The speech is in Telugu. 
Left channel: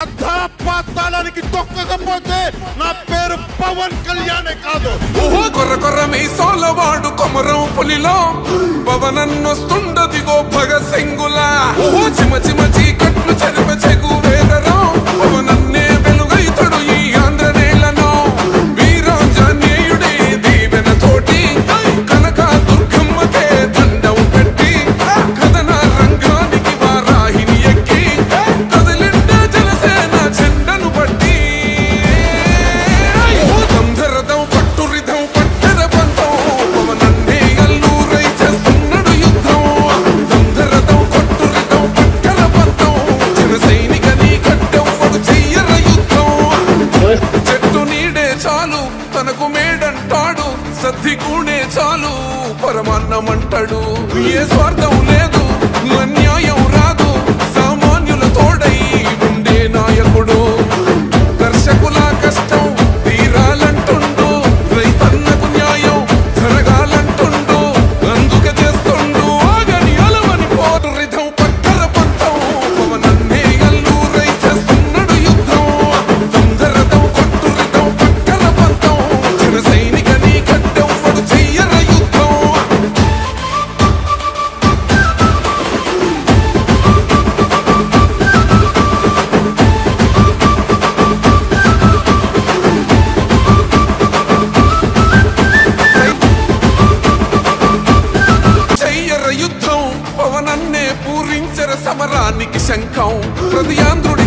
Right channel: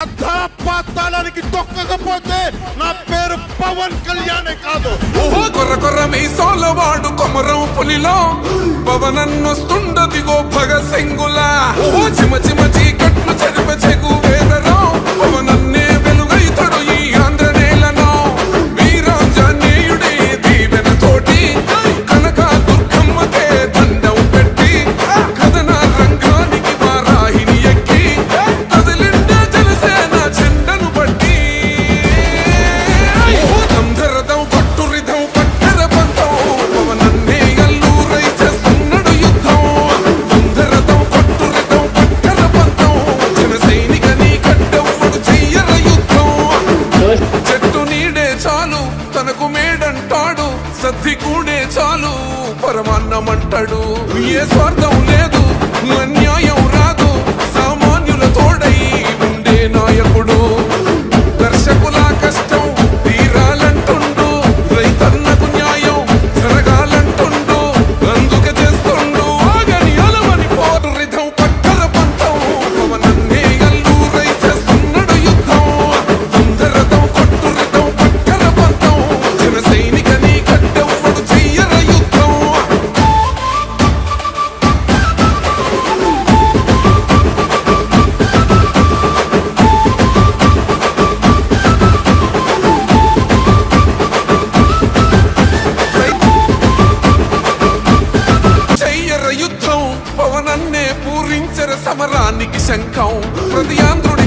పాతాళానికి తొక్కకపోతే నా పేరు పవన్ కళ్యాణే కాదు. ఓహో కొర్ర కొర్ర మీసాలవాడు కొమరం పులిలో పవనన్నొస్తుండదిగో భగత్ సింగులా. ఓహో చిమ చిమ చీకట్లు చెరిప చెగు వేదరో పవనన్నే వెలుగైతడు ఈ ఆంధ్ర నేలను. వీరాంజనేయుడే దీవెన తోటి కనక దుర్గమ్మకే దండం పెట్టి కథన రంగానికి వారాహిని ఎక్కి కదిలిండే జనసేన చెండను బట్టి. దంధరదం పట్టురిధం పట్టెర పంతం పవనన్నే అల్లూరై చేస్తున్నాడు యుద్ధం. దంధరదం కొట్టురిధం పట్టెర పంతం జన సైనికని కట్టెవ్వడు చెయ్యర యుద్ధం. చెట్టు నీడే చాలు తనకు మేడంటాడు, సద్ది కూడే చాలు పరమాన్నమంటాడు. ఏ స్వార్థం లేదు అన్యాయం రాదు, సామాన్యుల తోడై ఉండే నాయకుడు. కర్షకుల కష్టం తీరాలంటుండు, రైతన్నకు న్యాయం జరగాలంటుండు. అందుకే చేస్తుండు ఆగని అలవని పోరు రిధం పట్టర పంతం పవనన్నే అల్లూరై చేస్తున్నాడు యుద్ధం. దంధరదం కొట్టు రిధం పట్టర పంతం జన సైనికని కట్టెవ్వడు చెయ్యర యుద్ధం. చెయ్యర యుద్ధం పవనన్నే పూరించర సమరానికి శంఖం. ప్రతి ఆంధ్రుడి